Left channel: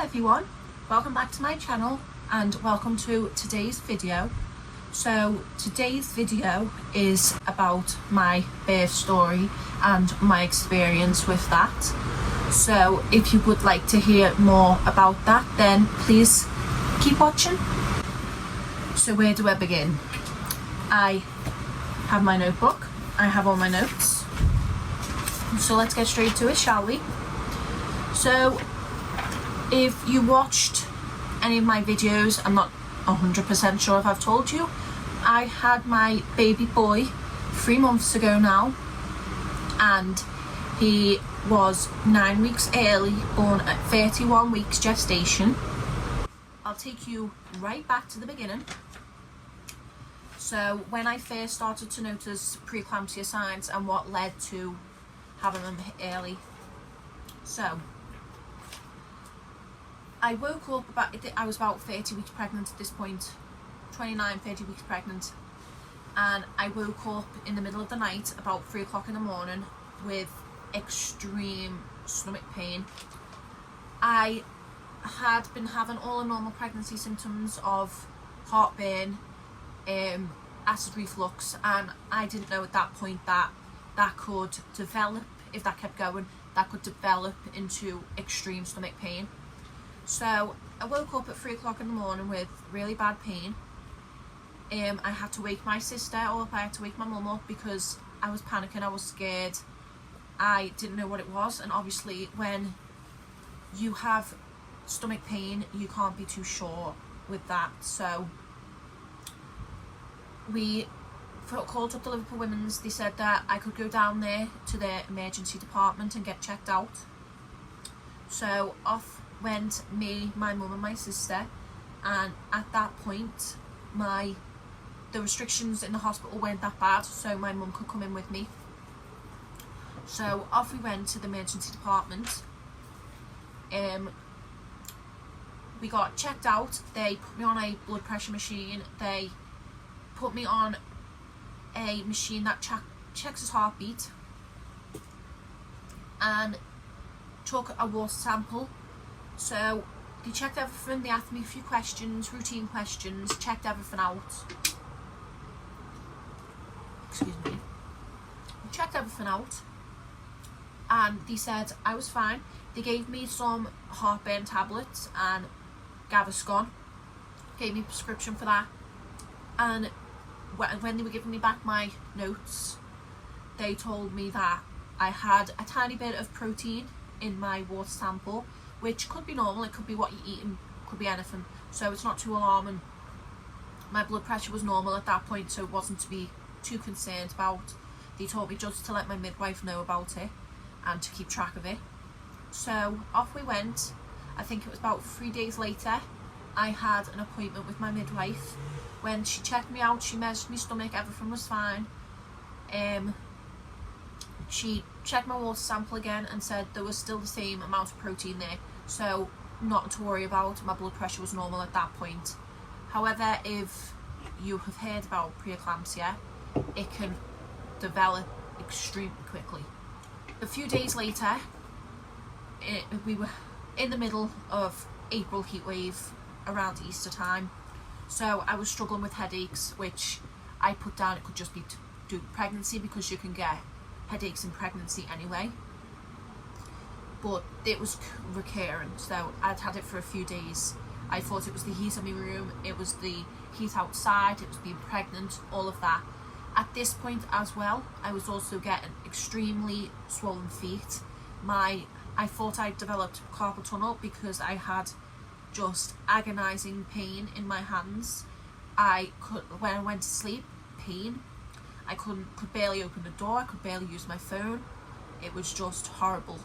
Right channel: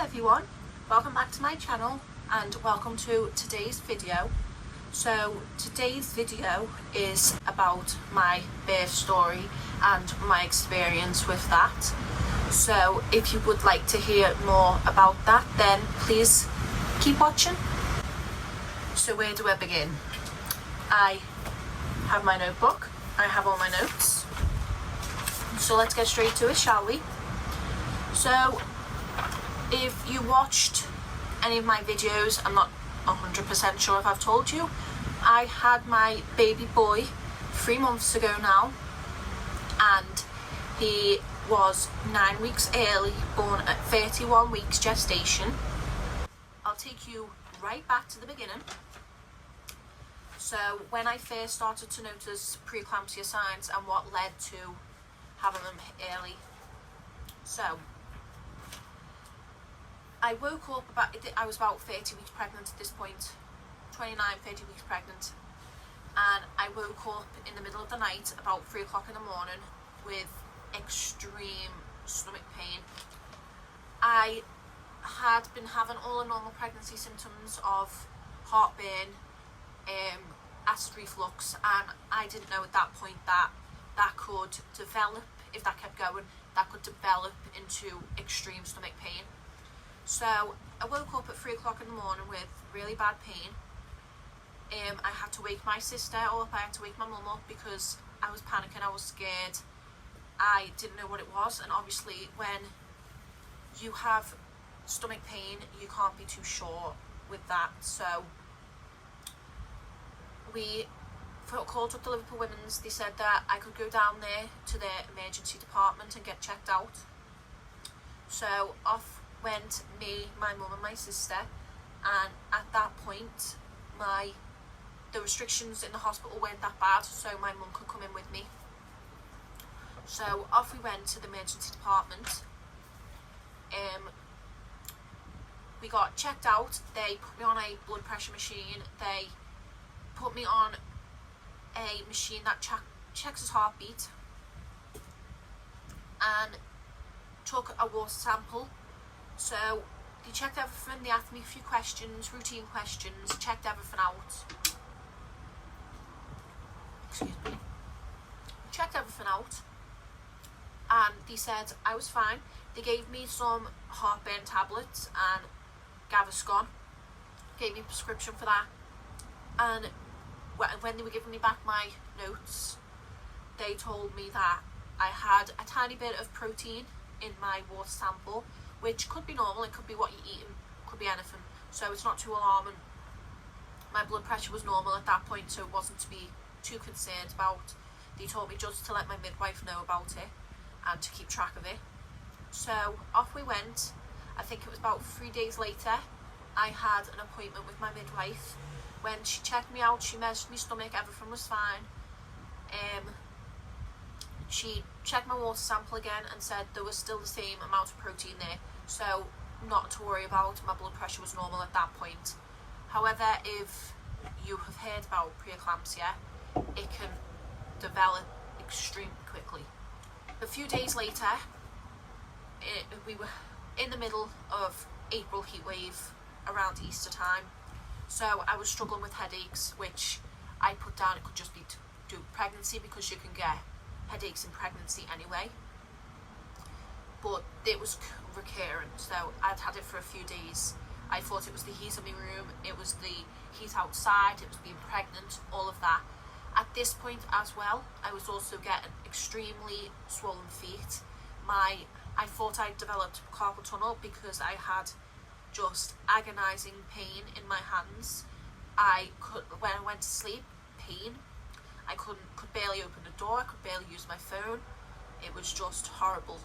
Hello everyone, welcome back to my channel and welcome to today's video. So today's video is about my birth story and my experience with that. So if you would like to hear more about that, then please keep watching. So where do I begin? I have my notebook, I have all my notes. So let's get straight to it, shall we? So if you watched any of my videos, I'm not 100% sure if I've told you, I had my baby boy 3 months ago now, and he was 9 weeks early, born at 31 weeks gestation. I'll take you right back to the beginning. So when I first started to notice pre-eclampsia signs and what led to having them early. So I woke up I was about 30 weeks pregnant at this point, 30 weeks pregnant, and I woke up in the middle of the night about 3 o'clock in the morning with extreme stomach pain. I had been having all the normal pregnancy symptoms of heartburn, acid reflux, and I didn't know at that point that could develop, if that kept going, that could develop into extreme stomach pain. So I woke up at 3 o'clock in the morning with really bad pain. I had to wake my sister up, I had to wake my mum up because I was panicking, I was scared. I didn't know what it was, and obviously when you have stomach pain you can't be too sure with that. So we called up the Liverpool Women's. They said that I could go down there to their emergency department and get checked out. So off went me, my mum and my sister, and at that point the restrictions in the hospital weren't that bad, so my mum could come in with me. So off we went to the emergency department. We got checked out, they put me on a blood pressure machine, they put me on a machine that checks his heartbeat, and took a water sample. So they checked everything, they asked me a few questions, routine questions, checked everything out. Excuse me. They checked everything out and they said I was fine. They gave me some heartburn tablets and Gaviscon, gave me a prescription for that, and when they were giving me back my notes, they told me that I had a tiny bit of protein in my water sample, which could be normal, it could be what you're eating, could be anything, so it's not too alarming. My blood pressure was normal at that point, so it wasn't to be too concerned about. They told me just to let my midwife know about it and to keep track of it. So off we went. I think it was about 3 days later I had an appointment with my midwife. When she checked me out, she measured my stomach, everything was fine. She checked my water sample again and said there was still the same amount of protein there, so not to worry about, my blood pressure was normal at that point. However, if you have heard about pre-eclampsia, it can develop extremely quickly. A few days later, we were in the middle of April heatwave around Easter time, so I was struggling with headaches, which I put down it could just be to do pregnancy, because you can get headaches in pregnancy anyway, but it was recurrent, so I'd had it for a few days. I thought it was the heat in my room, it was the heat outside, it was being pregnant, all of that. At this point as well, I was also getting extremely swollen feet. I thought I'd developed carpal tunnel because I had just agonising pain in my hands. When I went to sleep, pain. I could barely open the door, I could barely use my phone. It was just horrible.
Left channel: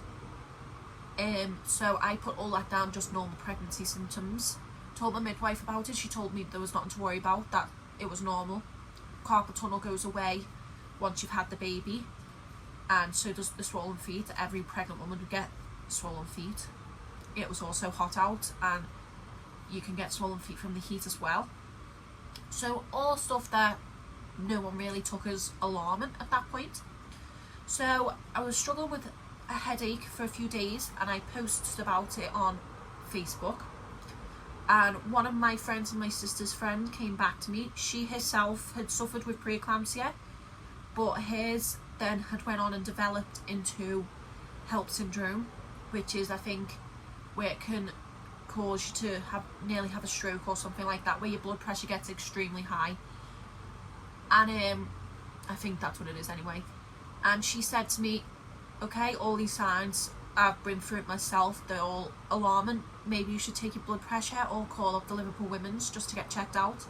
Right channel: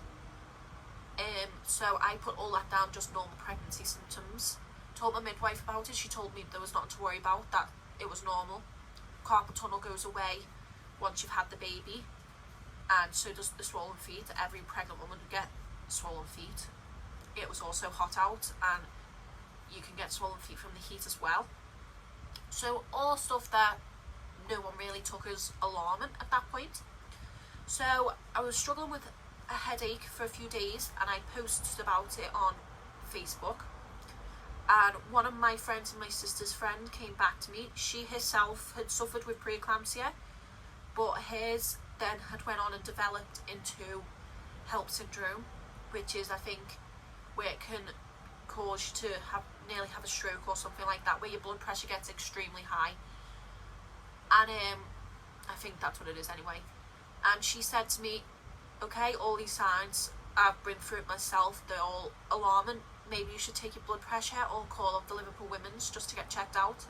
So I put all that down, just normal pregnancy symptoms. Told my midwife about it, she told me there was nothing to worry about, that it was normal. Carpal tunnel goes away once you've had the baby, and so does the swollen feet. Every pregnant woman would get swollen feet. It was also hot out, and you can get swollen feet from the heat as well. So all stuff that no one really took as alarming at that point. So I was struggling with a headache for a few days, and I posted about it on Facebook, and one of my friends and my sister's friend came back to me. She herself had suffered with pre-eclampsia, but hers then had went on and developed into HELLP syndrome, which is, I think, where it can cause you to nearly have a stroke or something like that, where your blood pressure gets extremely high. And I think that's what it is anyway. And she said to me, okay, all these signs, I've been through it myself, they're all alarming. Maybe you should take your blood pressure or call up the Liverpool Women's just to get checked out.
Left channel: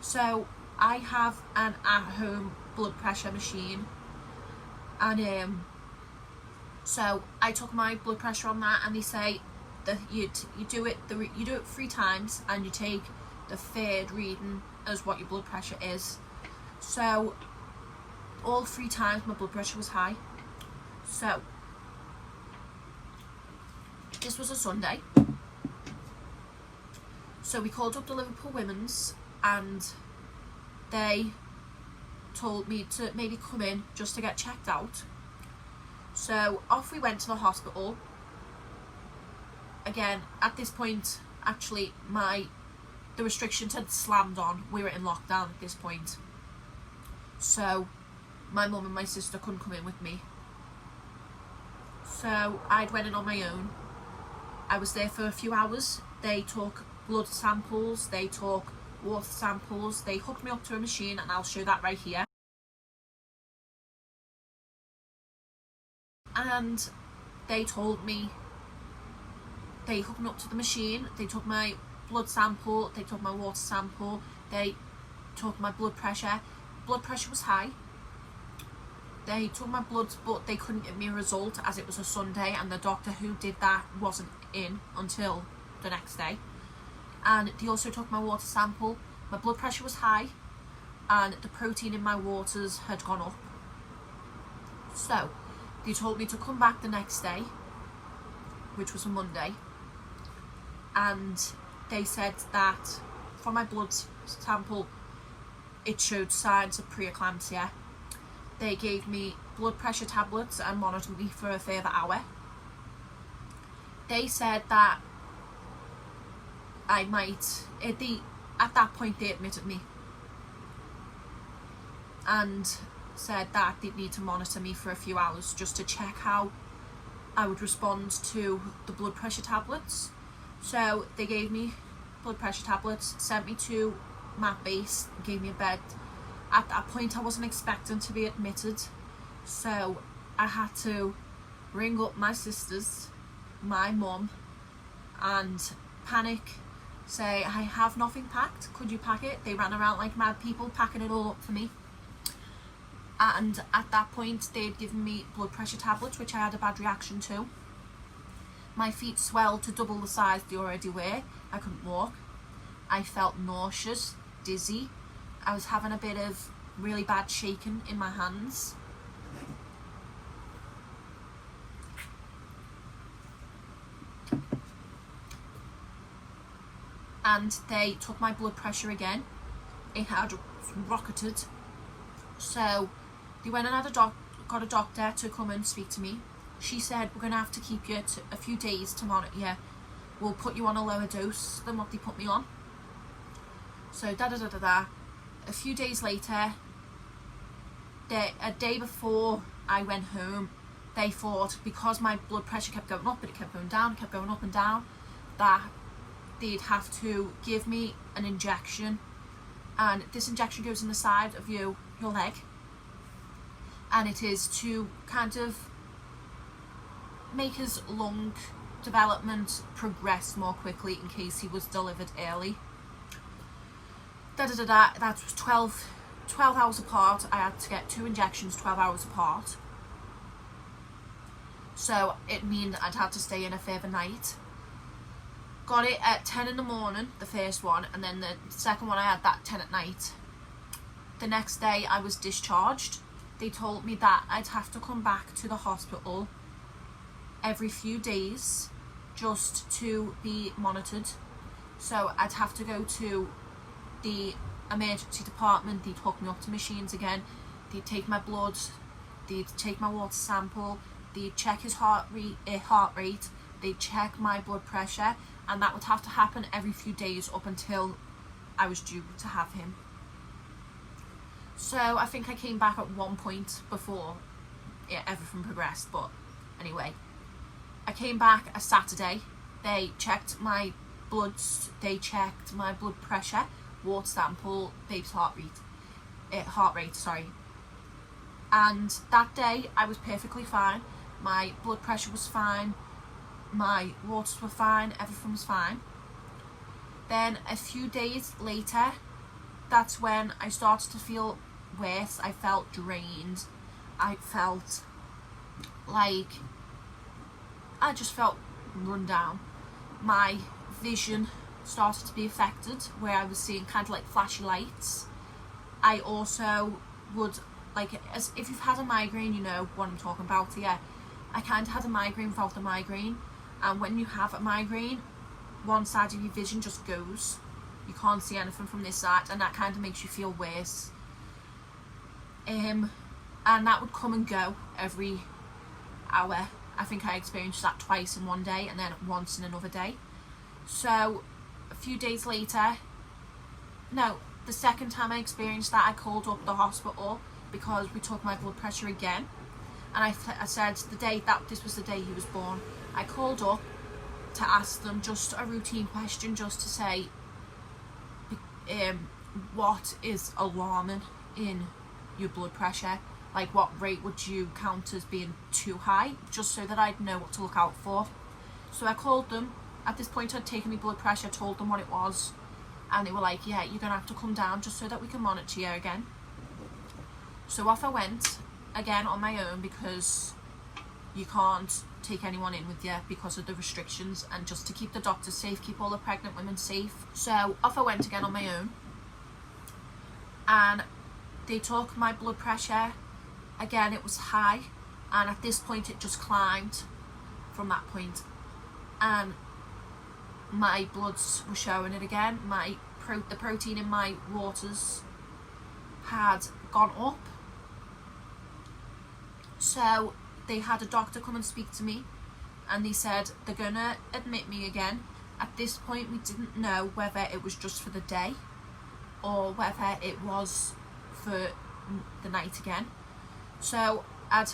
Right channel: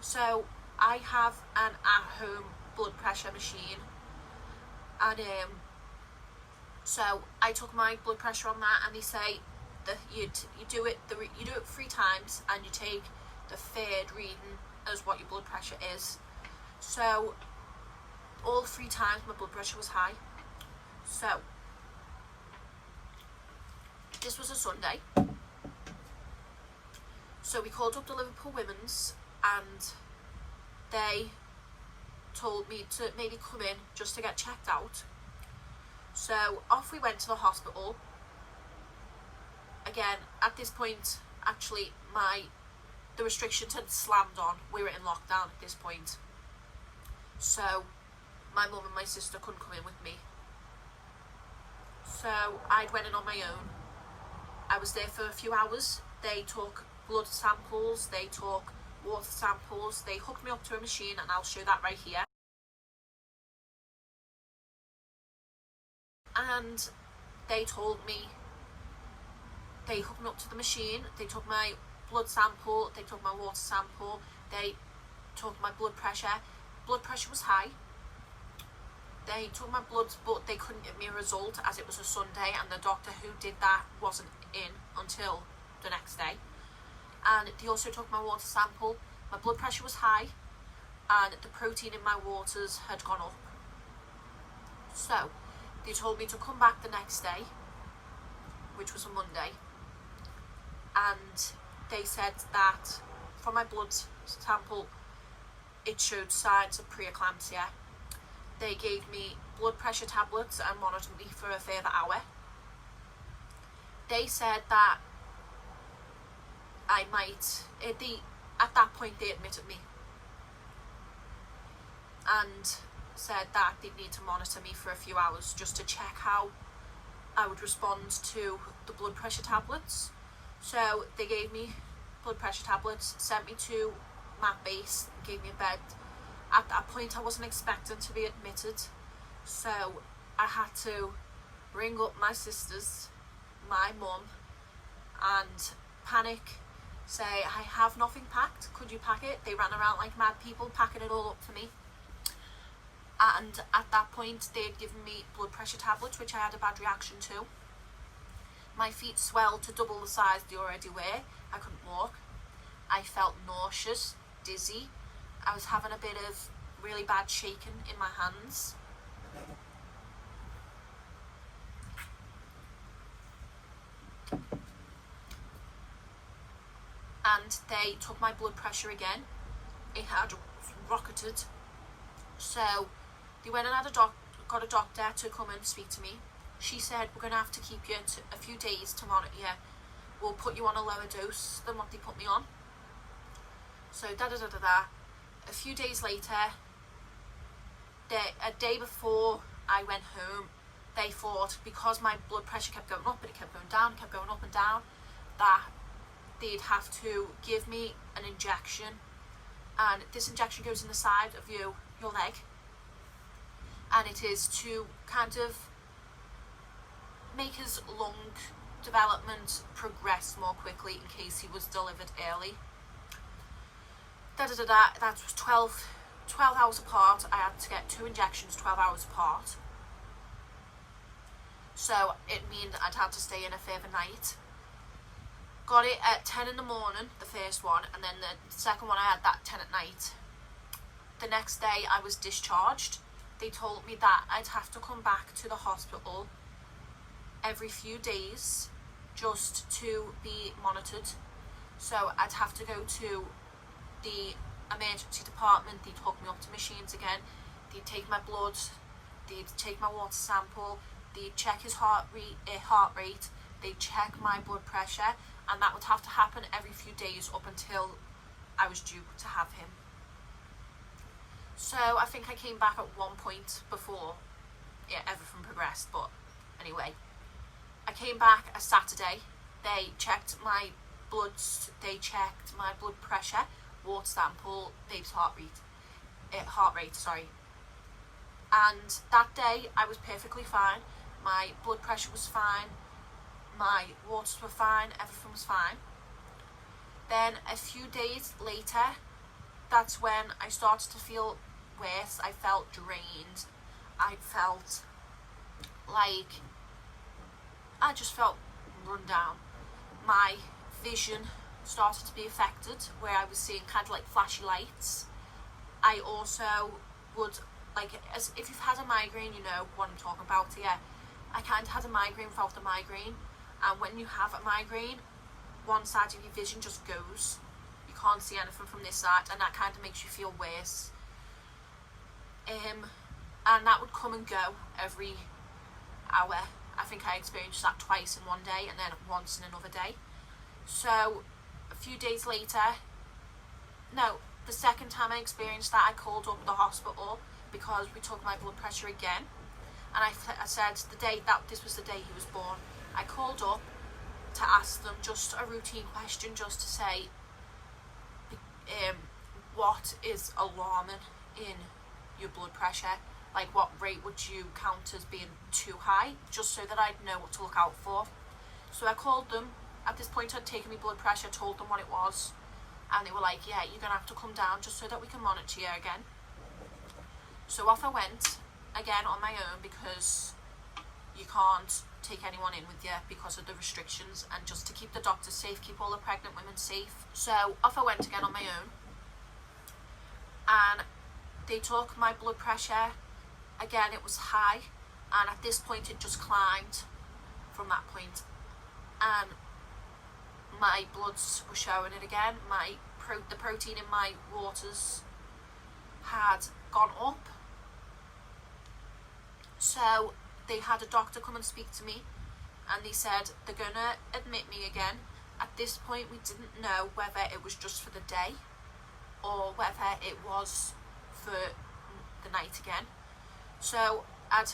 So I have an at-home blood pressure machine, and so I took my blood pressure on that, and they say that you do it 3 times, and you take the third reading as what your blood pressure is. So all 3 times my blood pressure was high. So this was a Sunday, so we called up the Liverpool Women's, and they told me to maybe come in just to get checked out. So off we went to the hospital. Again, at this point, actually, the restrictions had slammed on. We were in lockdown at this point, so my mum and my sister couldn't come in with me. So I went in on my own. I was there for a few hours. They took blood samples, they took water samples, they hooked me up to a machine, and I'll show that right here. And they told me, they hooked me up to the machine, they took my blood sample, they took my water sample, they took my blood pressure. Blood pressure was high. They took my blood, but they couldn't give me a result as it was a Sunday, and the doctor who did that wasn't in until the next day. And they also took my water sample. My blood pressure was high, and the protein in my waters had gone up. So they told me to come back the next day, which was a Monday, and they said that from my blood sample it showed signs of pre-eclampsia. They gave me blood pressure tablets and monitored me for a further hour. They said that I might, at that point they admitted me and said that they'd need to monitor me for a few hours just to check how I would respond to the blood pressure tablets. So they gave me blood pressure tablets, sent me to Mat Base, gave me a bed. At that point I wasn't expecting to be admitted, so I had to ring up my sisters, my mum, and panic, say, I have nothing packed, could you pack it? They ran around like mad people packing it all up for me. And at that point they'd given me blood pressure tablets, which I had a bad reaction to. My feet swelled to double the size they already were. I couldn't walk. I felt nauseous, dizzy. I was having a bit of really bad shaking in my hands. And they took my blood pressure again. It had rocketed. So they went and got a doctor to come and speak to me. She said, we're going to have to keep you a few days to monitor you. We'll put you on a lower dose than what they put me on. So a few days later, a day before I went home, they thought, because my blood pressure kept going up, but it kept going down, kept going up and down, that they'd have to give me an injection. And this injection goes in the side of your leg, and it is to kind of make his lung development progress more quickly in case he was delivered early. That was 12 hours apart. I had to get 2 injections 12 hours apart, so it meant I'd have to stay in a further night. Got it at 10 in the morning, the first one, and then the second one I had that 10 at night. The next day I was discharged. They told me that I'd have to come back to the hospital every few days just to be monitored. So I'd have to go to the emergency department. They'd hook me up to machines again. They'd take my blood, they'd take my water sample, they'd check his heart rate, they'd check my blood pressure, and that would have to happen every few days up until I was due to have him. So I think I came back at one point before everything progressed, but anyway, I came back a Saturday. They checked my bloods, they checked my blood pressure, water sample, baby's heart rate, sorry. And that day I was perfectly fine. My blood pressure was fine, my waters were fine, everything was fine. Then a few days later, that's when I started to feel worse. I felt drained. I felt like I just felt run down. My vision started to be affected, where I was seeing kind of like flashy lights. I also would, like, as if you've had a migraine, you know what I'm talking about here. I kind of had a migraine without the migraine, and when you have a migraine, one side of your vision just goes. You can't see anything from this side, and that kind of makes you feel worse. And that would come and go every hour. I think I experienced that twice in one day, and then once in another day. So a few days later, no, the second time I experienced that, I called up the hospital because we took my blood pressure again, and I said the day that this was the day he was born. I called up to ask them just a routine question, just to say what is alarming in your blood pressure, like what rate would you count as being too high, just so that I'd know what to look out for. So I called them. At this point I'd taken my blood pressure, told them what it was, and they were like, yeah, you're gonna have to come down just so that we can monitor you again. So off I went again on my own, because you can't take anyone in with you because of the restrictions, and just to keep the doctors safe, keep all the pregnant women safe. So off I went again on my own, and they took my blood pressure. Again, it was high, and at this point it just climbed from that point, and my bloods were showing it again. The protein in my waters had gone up. So they had a doctor come and speak to me, and they said they're gonna admit me again. At this point we didn't know whether it was just for the day or whether it was for the night again. So I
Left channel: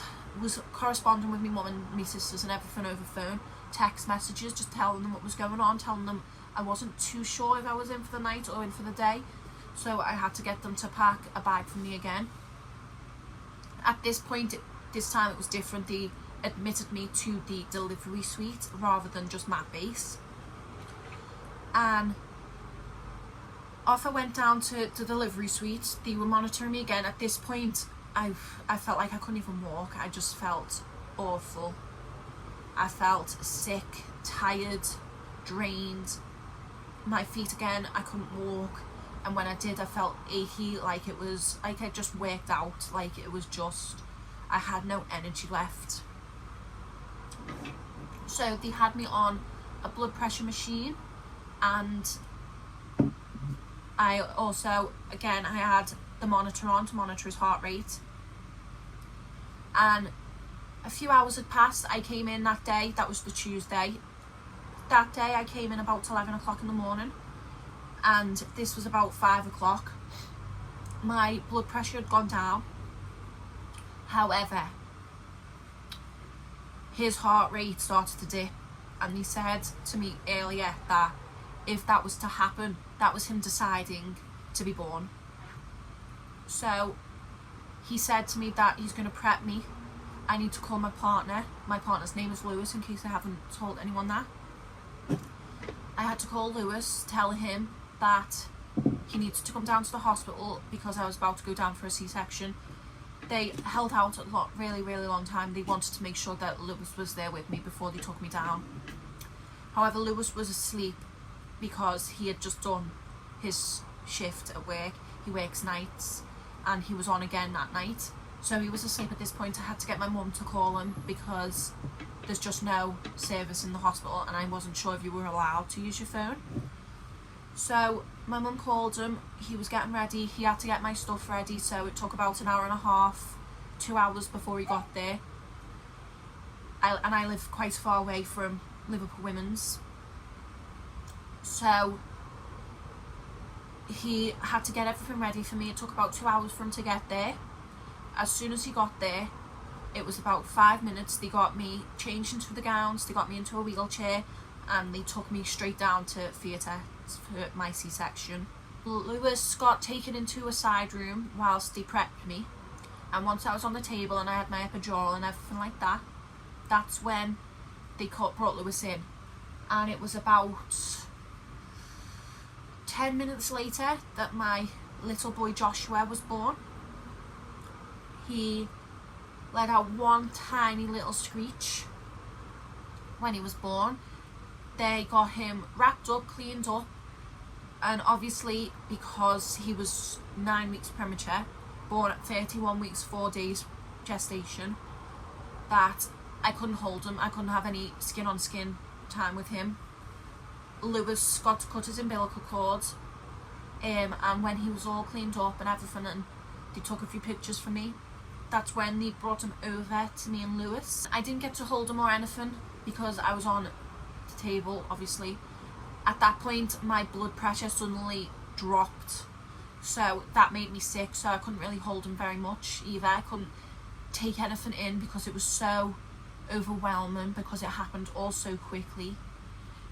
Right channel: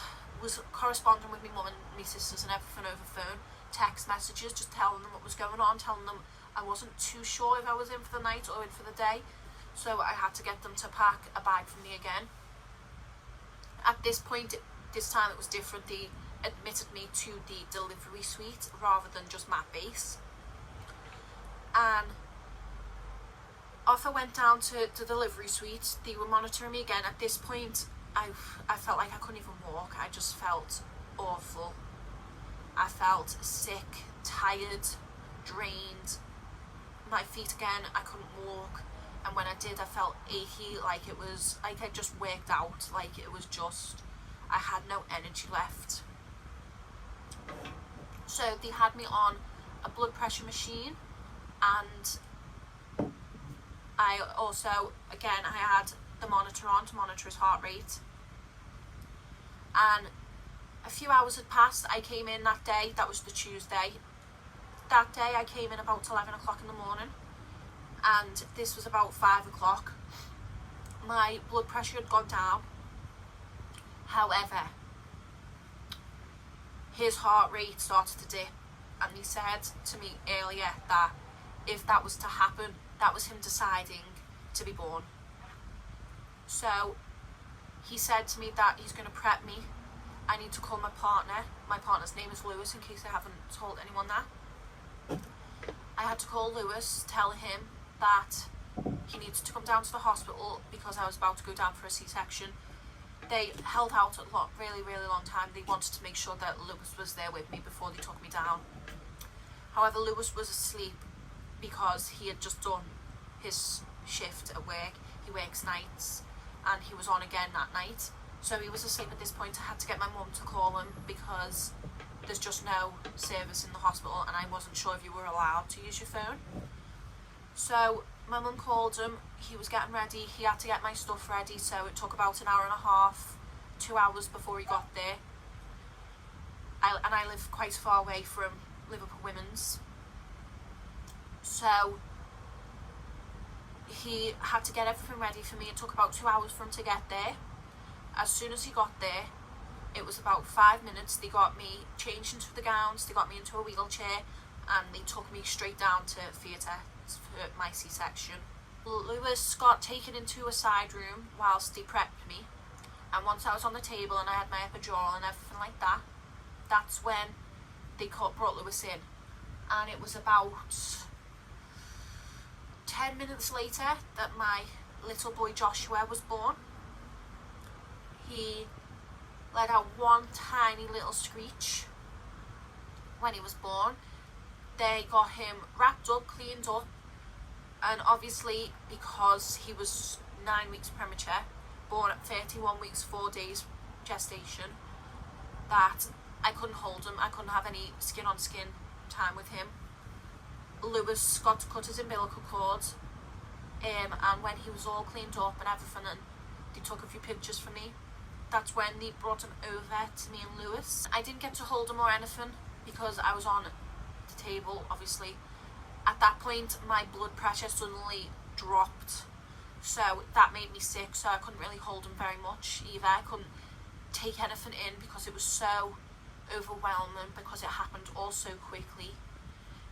was corresponding with my mum and my sisters and everything over phone, text messages, just telling them what was going on, telling them I wasn't too sure if I was in for the night or in for the day. So I had to get them to pack a bag for me again. At this point, this time it was different. They admitted me to the delivery suite rather than just mat base. And off I went down to the delivery suite. They were monitoring me again. At this point, I felt like I couldn't even walk. I just felt awful. I felt sick, tired, drained. My feet again, I couldn't walk. And when I did, I felt achy, like it was like I just worked out, like it was just, I had no energy left. So they had me on a blood pressure machine, and I also, again, I had the monitor on to monitor his heart rate. And a few hours had passed. I came in that day, that was the Tuesday. That day I came in about 11 o'clock in the morning, and this was about 5 o'clock. My blood pressure had gone down. However, his heart rate started to dip, and he said to me earlier that if that was to happen, that was him deciding to be born. So he said to me that he's going to prep me. I need to call my partner. My partner's name is Lewis, in case I haven't told anyone that. I had to call Lewis, tell him that he needs to come down to the hospital because I was about to go down for a C-section. They held out a really long time. They wanted to make sure that Lewis was there with me before they took me down. However, Lewis was asleep because he had just done his shift at work. He works nights, and he was on again that night. So he was asleep at this point. I had to get my mum to call him because there's just no service in the hospital, and I wasn't sure if you were allowed to use your phone. So my mum called him. He was getting ready. He had to get my stuff ready, so it took about an hour and a half, 2 hours before he got there. I live quite far away from Liverpool Women's. So he had to get everything ready for me. It took about 2 hours for him to get there. As soon as he got there, it was about 5 minutes. They got me changed into the gowns, they got me into a wheelchair, and they took me straight down to theatre for my C-section. Lewis got taken into a side room whilst they prepped me, and once I was on the table and I had my epidural and everything like that, that's when they brought Lewis in. And it was about 10 minutes later that my little boy Joshua was born. He let out one tiny little screech when he was born. They got him wrapped up, cleaned up, and obviously because he was 9 weeks premature, born at 31 weeks 4 days gestation, that I couldn't hold him. I couldn't have any skin on skin time with him. Lewis got to cut his umbilical cord, and when he was all cleaned up and everything, and they took a few pictures for me, that's when they brought him over to me and Lewis. I didn't get to hold him or anything because I was on the table, obviously. At that point, my blood pressure suddenly dropped, so that made me sick, so I couldn't really hold him very much either. I couldn't take anything in because it was so overwhelming, because it happened all so quickly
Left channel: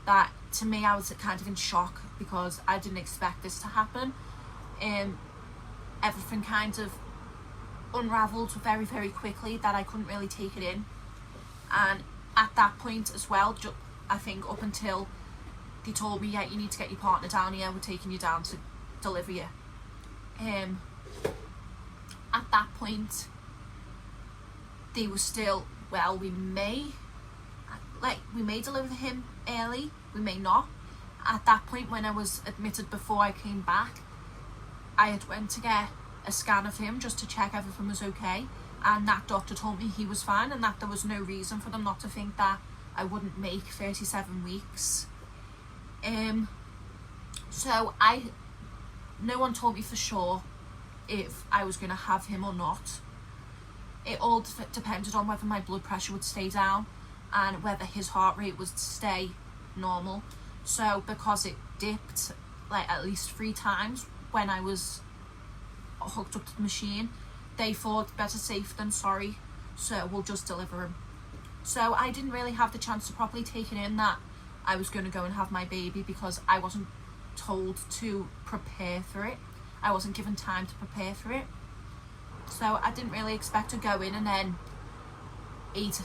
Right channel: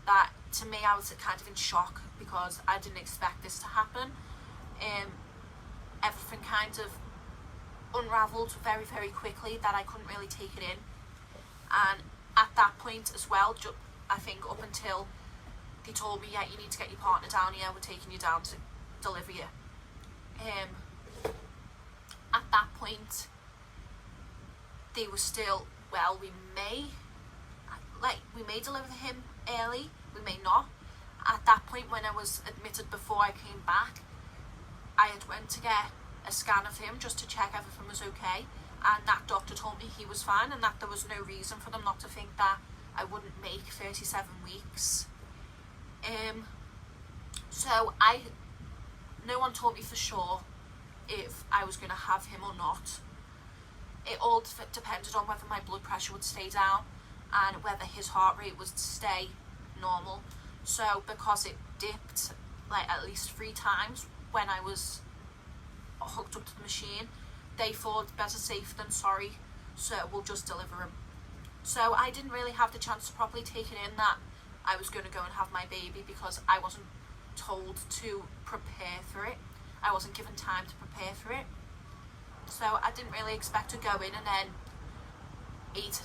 that to me I was kind of in shock because I didn't expect this to happen. Everything kind of unravelled very, very quickly that I couldn't really take it in. And at that point as well, I think up until they told me, yeah, you need to get your partner down here, we're taking you down to deliver you. At that point, they were still, well, we may deliver him early, we may not. At that point, when I was admitted before I came back, I had went to get a scan of him just to check everything was okay, and that doctor told me he was fine and that there was no reason for them not to think that I wouldn't make 37 weeks. So no one told me for sure if I was going to have him or not. It all depended on whether my blood pressure would stay down and whether his heart rate would stay normal. So because it dipped like at least 3 times when I was hooked up to the machine, they thought better safe than sorry, so we'll just deliver him. So I didn't really have the chance to properly take it in that I was going to go and have my baby, because I wasn't told to prepare for it. I wasn't given time to prepare for it. So I didn't really expect to go in and then 8-9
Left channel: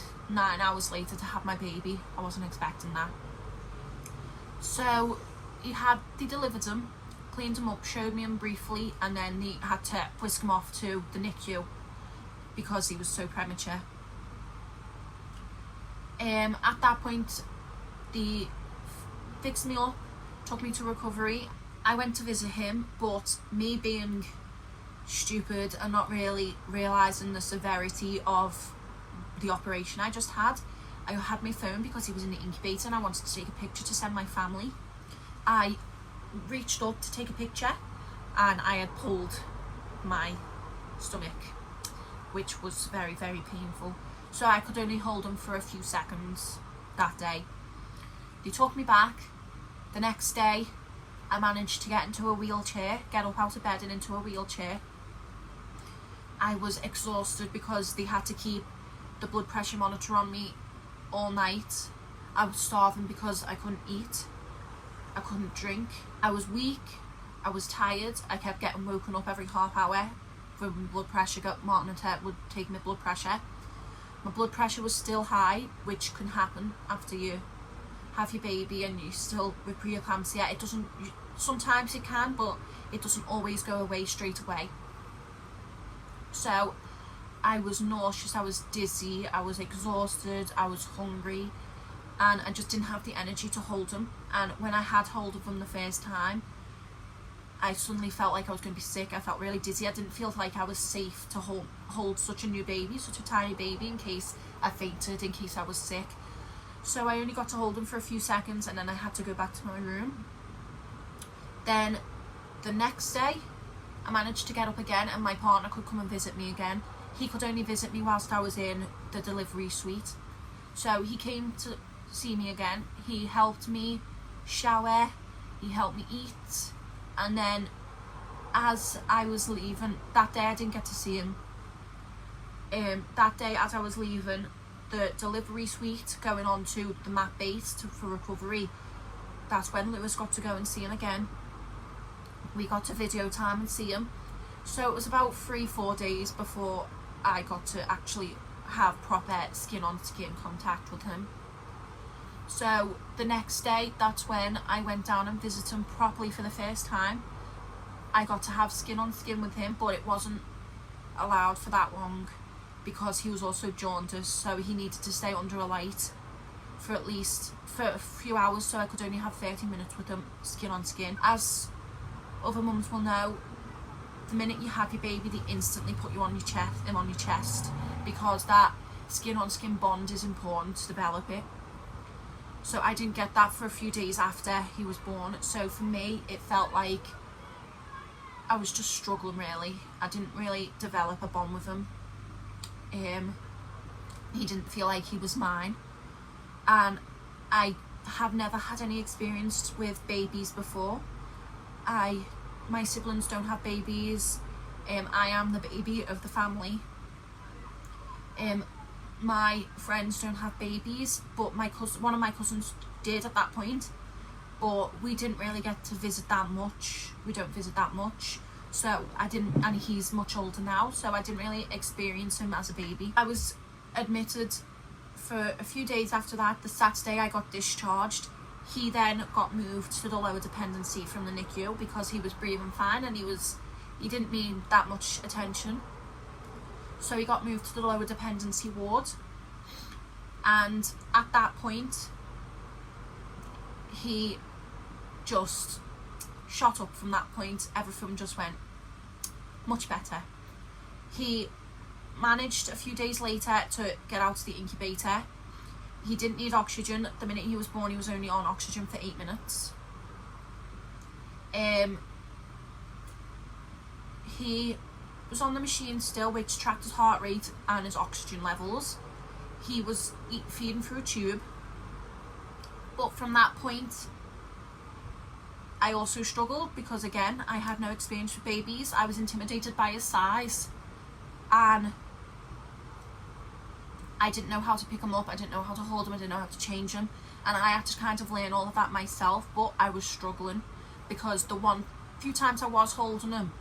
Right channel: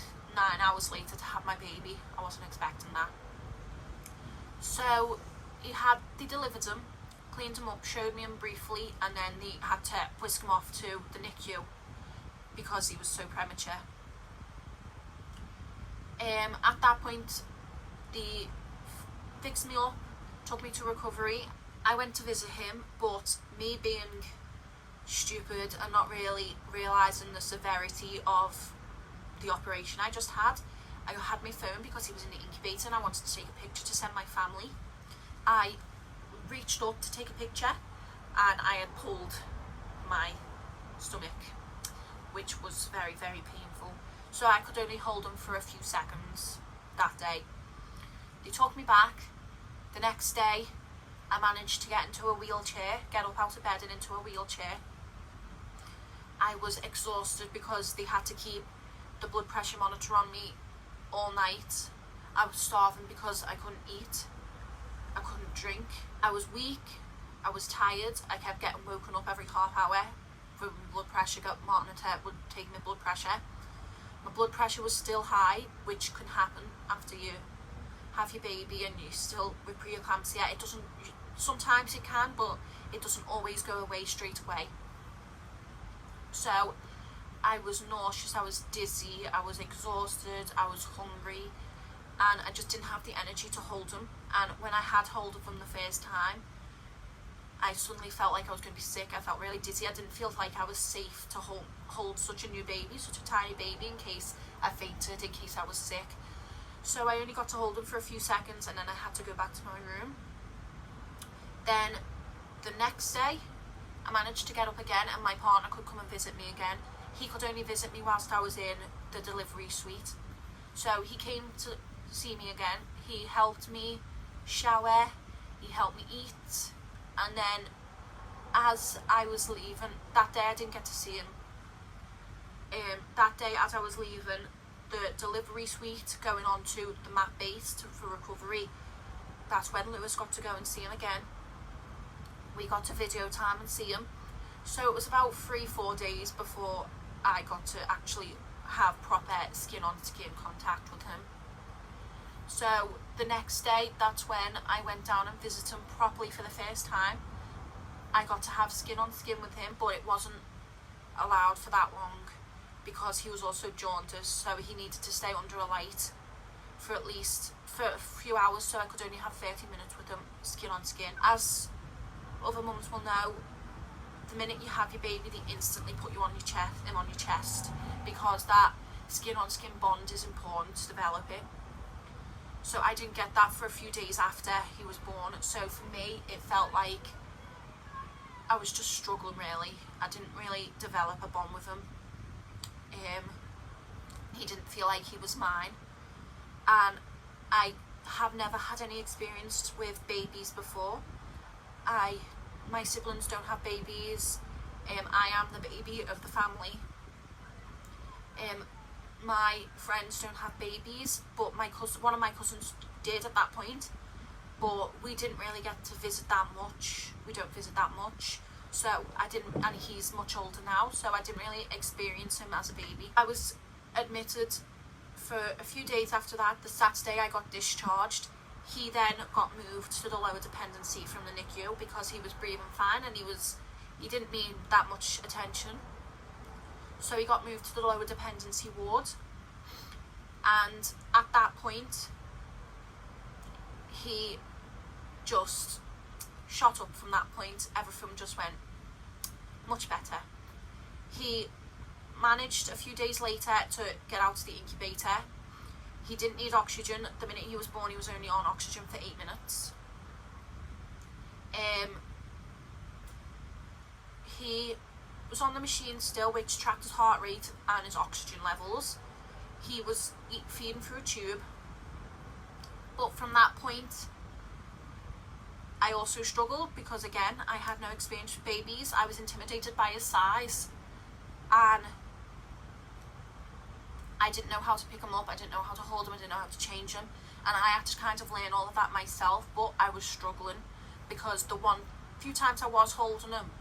hours later to have my baby. I wasn't expecting that. So they delivered him, cleaned him up, showed me him briefly, and then they had to whisk him off to the NICU because he was so premature. At that point, they fixed me up, took me to recovery. I went to visit him, but me being stupid and not really realising the severity of the operation I just had, I had my phone because he was in the incubator and I wanted to take a picture to send my family. I reached up to take a picture and I had pulled my stomach, which was very, very painful. So I could only hold him for a few seconds that day. They took me back. The next day, I managed to get into a wheelchair, get up out of bed and into a wheelchair. I was exhausted because they had to keep the blood pressure monitor on me all night. I was starving because I couldn't eat, I couldn't drink, I was weak, I was tired. I kept getting woken up every half hour for my blood pressure. Monitor would take my blood pressure. My blood pressure was still high, which can happen after you have your baby and you still with pre-eclamsia. It doesn't, sometimes it can, but it doesn't always go away straight away. So I was nauseous, I was dizzy, I was exhausted, I was hungry, and I just didn't have the energy to hold him. And when I had hold of him the first time, I suddenly felt like I was going to be sick. I felt really dizzy. I didn't feel like I was safe to hold such a new baby, such a tiny baby, in case I fainted, in case I was sick. So I only got to hold him for a few seconds and then I had to go back to my room. Then the next day, I managed to get up again and my partner could come and visit me again. He could only visit me whilst I was in the delivery suite. So he came to see me again. He helped me shower, he helped me eat, and then as I was leaving, that day I didn't get to see him. That day as I was leaving the delivery suite going on to the mat base for recovery, that's when Lewis got to go and see him again. We got to video time and see him. So it was about 3-4 days before I got to actually have proper skin on skin contact with him. So the next day, that's when I went down and visited him properly for the first time. I got to have skin on skin with him, but it wasn't allowed for that long because he was also jaundiced, so he needed to stay under a light for at least for a few hours, so I could only have 30 minutes with him skin on skin. As other mums will know, the minute you have your baby, they instantly put you on your chest, because that skin on skin bond is important to develop it. So I didn't get that for a few days after he was born. So for me, it felt like I was just struggling, really. I didn't really develop a bond with him. He didn't feel like he was mine. And I have never had any experience with babies before. My siblings don't have babies. I am the baby of the family. My friends don't have babies, but one of my cousins did at that point, but we didn't really get to visit that much. We don't visit that much, so I didn't, and he's much older now, so I didn't really experience him as a baby. I was admitted for a few days after that. The Saturday I got discharged. He then got moved to the lower dependency from the NICU because he was breathing fine and he didn't need that much attention. So he got moved to the lower dependency ward, and at that point he just shot up. From that point, everything just went much better. He managed a few days later to get out of the incubator. He didn't need oxygen. The minute he was born, he was only on oxygen for 8 minutes. He was on the machine still, which tracked his heart rate and his oxygen levels. He was feeding through a tube. But from that point, I also struggled because, again, I had no experience with babies. I was intimidated by his size, and I didn't know how to pick him up. I didn't know how to hold him. I didn't know how to change him, and I had to kind of learn all of that myself. But I was struggling because the few times I was holding him,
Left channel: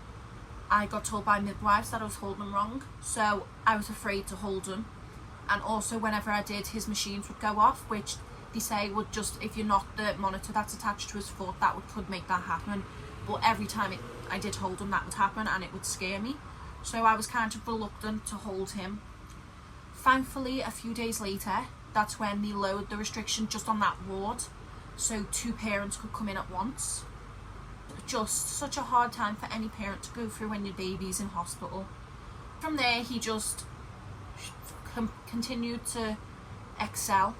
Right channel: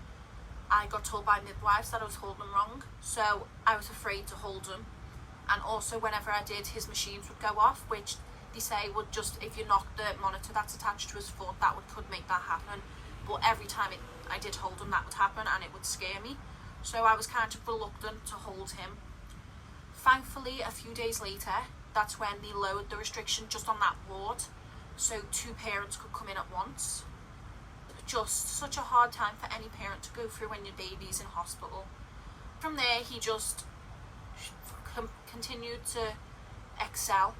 I got told by midwives that I was holding him wrong, so I was afraid to hold him. And also, whenever I did, his machines would go off, which they say would just, if you're not the monitor that's attached to his foot, that could make that happen. But every time I did hold him, that would happen, and it would scare me. So I was kind of reluctant to hold him. Thankfully, a few days later, that's when they lowered the restriction just on that ward, so 2 parents could come in at once. Just such a hard time for any parent to go through when your baby's in hospital. From there, he just continued to excel.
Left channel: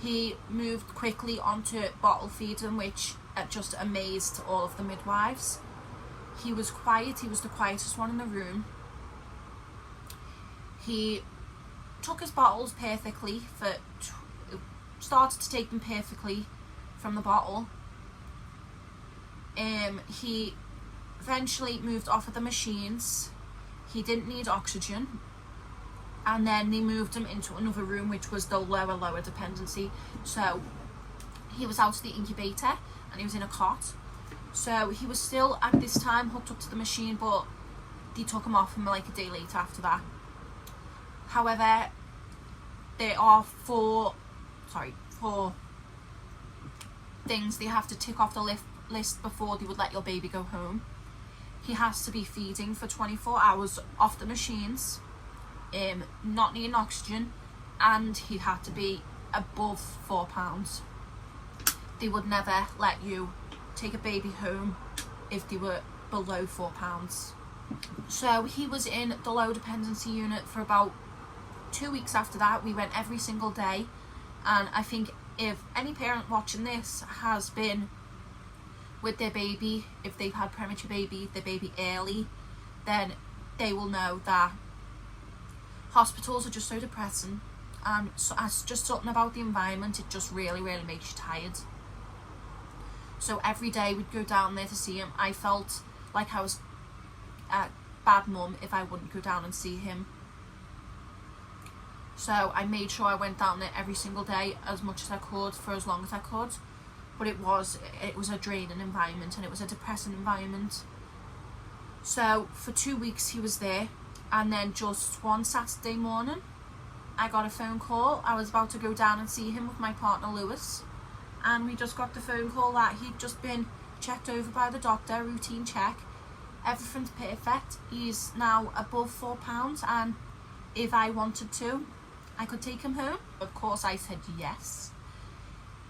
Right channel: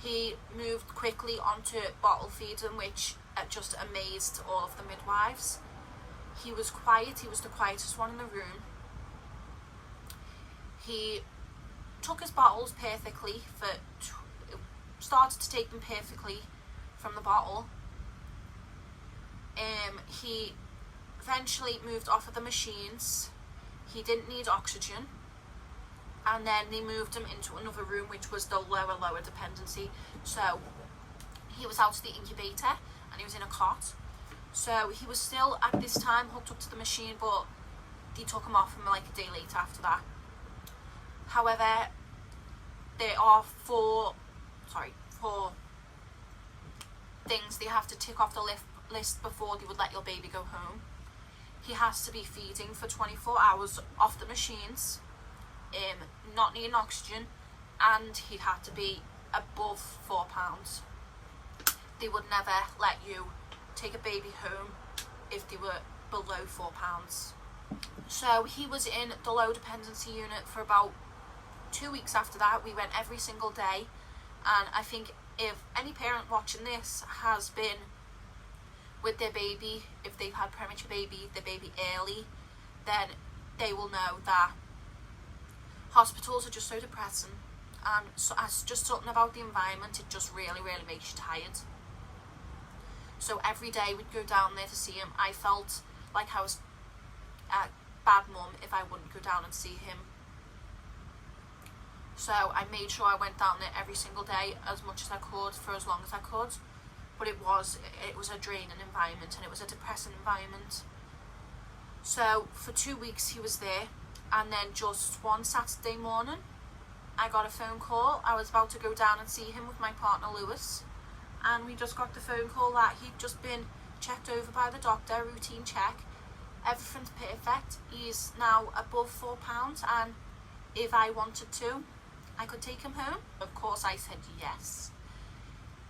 He moved quickly onto bottle feeding, which just amazed all of the midwives. He was quiet. He was the quietest one in the room. He took his bottles perfectly. Started to take them perfectly from the bottle. He eventually moved off of the machines. He didn't need oxygen, and then they moved him into another room, which was the lower dependency. So he was out of the incubator and he was in a cot. So he was still at this time hooked up to the machine, but they took him off him like a day later after that. However, there are four things they have to tick off the list before they would let your baby go home. He has to be feeding for 24 hours off the machines, not needing oxygen, and he had to be above 4 pounds. They would never let you take a baby home if they were below 4 pounds. So he was in the low dependency unit for about 2 weeks after that. We went every single day, and I think if any parent watching this has been with their baby, if they've had premature baby, their baby early, then they will know that hospitals are just so depressing, and so as just something about the environment, it just really makes you tired. So every day we'd go down there to see him. I felt like I was a bad mum if I wouldn't go down and see him. So I made sure I went down there every single day as much as I could for as long as I could. But it was a draining environment, and it was a depressing environment. So for 2 weeks he was there, and then just one Saturday morning I got a phone call. I was about to go down and see him with my partner Lewis, and we just got the phone call that he'd just been checked over by the doctor, routine check. Everything's perfect. He's now above 4 pounds, and if I wanted to, I could take him home. Of course I said yes.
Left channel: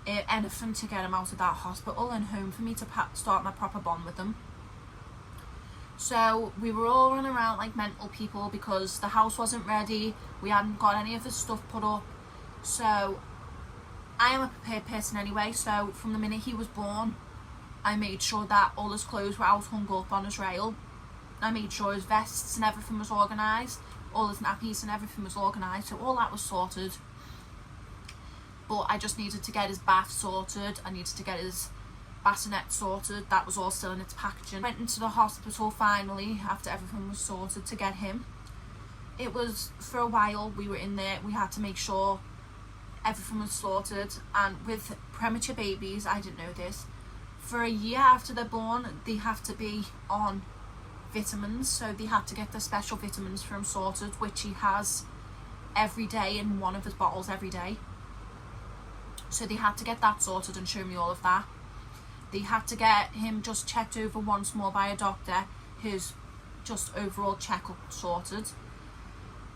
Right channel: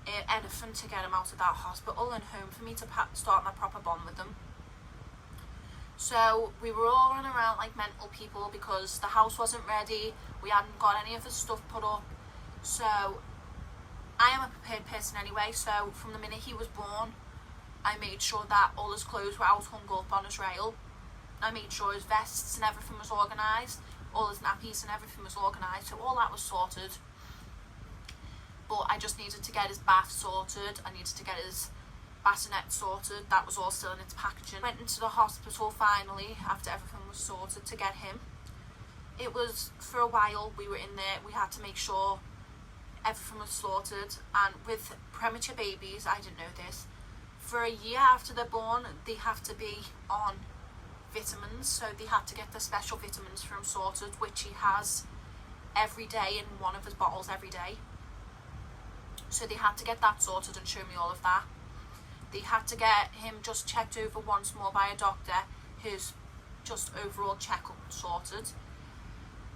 Anything to get him out of that hospital and home for me to start my proper bond with him. So we were all running around like mental people because the house wasn't ready. We hadn't got any of the stuff put up. So I am a prepared person anyway, so from the minute he was born, I made sure that all his clothes were out hung up on his rail. I made sure his vests and everything was organised, all his nappies and everything was organised, so all that was sorted. But I just needed to get his bath sorted, I needed to get his bassinet sorted, that was all still in its packaging. Went into the hospital finally after everything was sorted to get him. It was, for a while we were in there, we had to make sure everything was sorted, and with premature babies, I didn't know this, for a year after they're born they have to be on vitamins, so they had to get the special vitamins for him sorted, which he has every day in one of his bottles every day. So they had to get that sorted and show me all of that. They had to get him just checked over once more by a doctor, his just overall checkup sorted,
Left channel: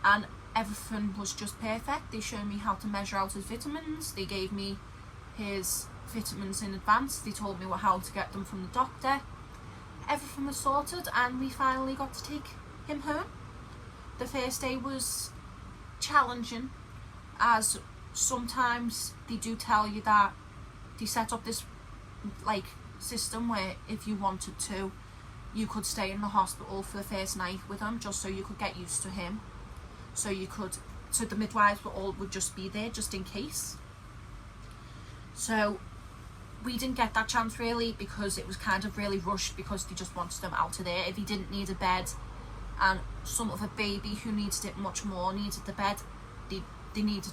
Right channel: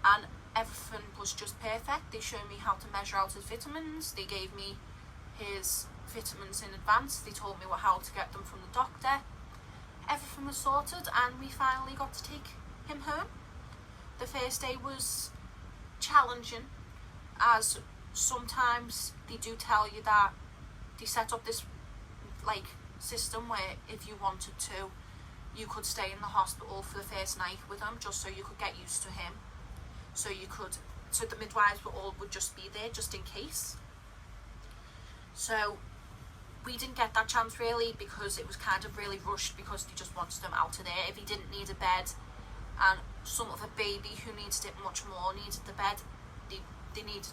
and everything was just perfect. They showed me how to measure out his vitamins, they gave me his vitamins in advance, they told me how to get them from the doctor. Everything was sorted, and we finally got to take him home. The first day was challenging, as sometimes they do tell you that they set up this like system where if you wanted to, you could stay in the hospital for the first night with him, just so you could get used to him. So the midwives would just be there just in case. So we didn't get that chance really, because it was kind of really rushed, because they just wanted him out of there. If he didn't need a bed, and some other baby who needed it much more needed the bed, they needed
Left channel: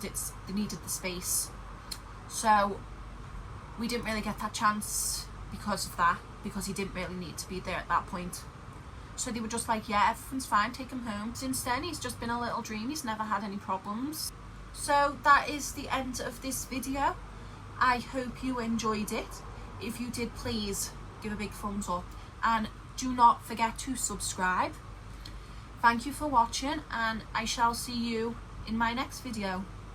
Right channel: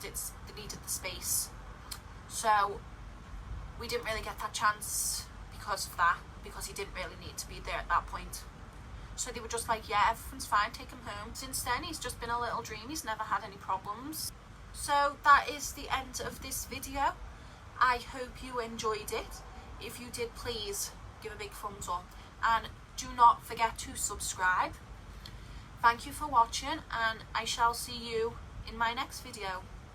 the space. So we didn't really get that chance because of that, because he didn't really need to be there at that point. So they were just like, yeah, everything's fine, take him home. Since then he's just been a little dream, he's never had any problems. So that is the end of this video. I hope you enjoyed it. If you did, please give a big thumbs up, and do not forget to subscribe. Thank you for watching, and I shall see you in my next video.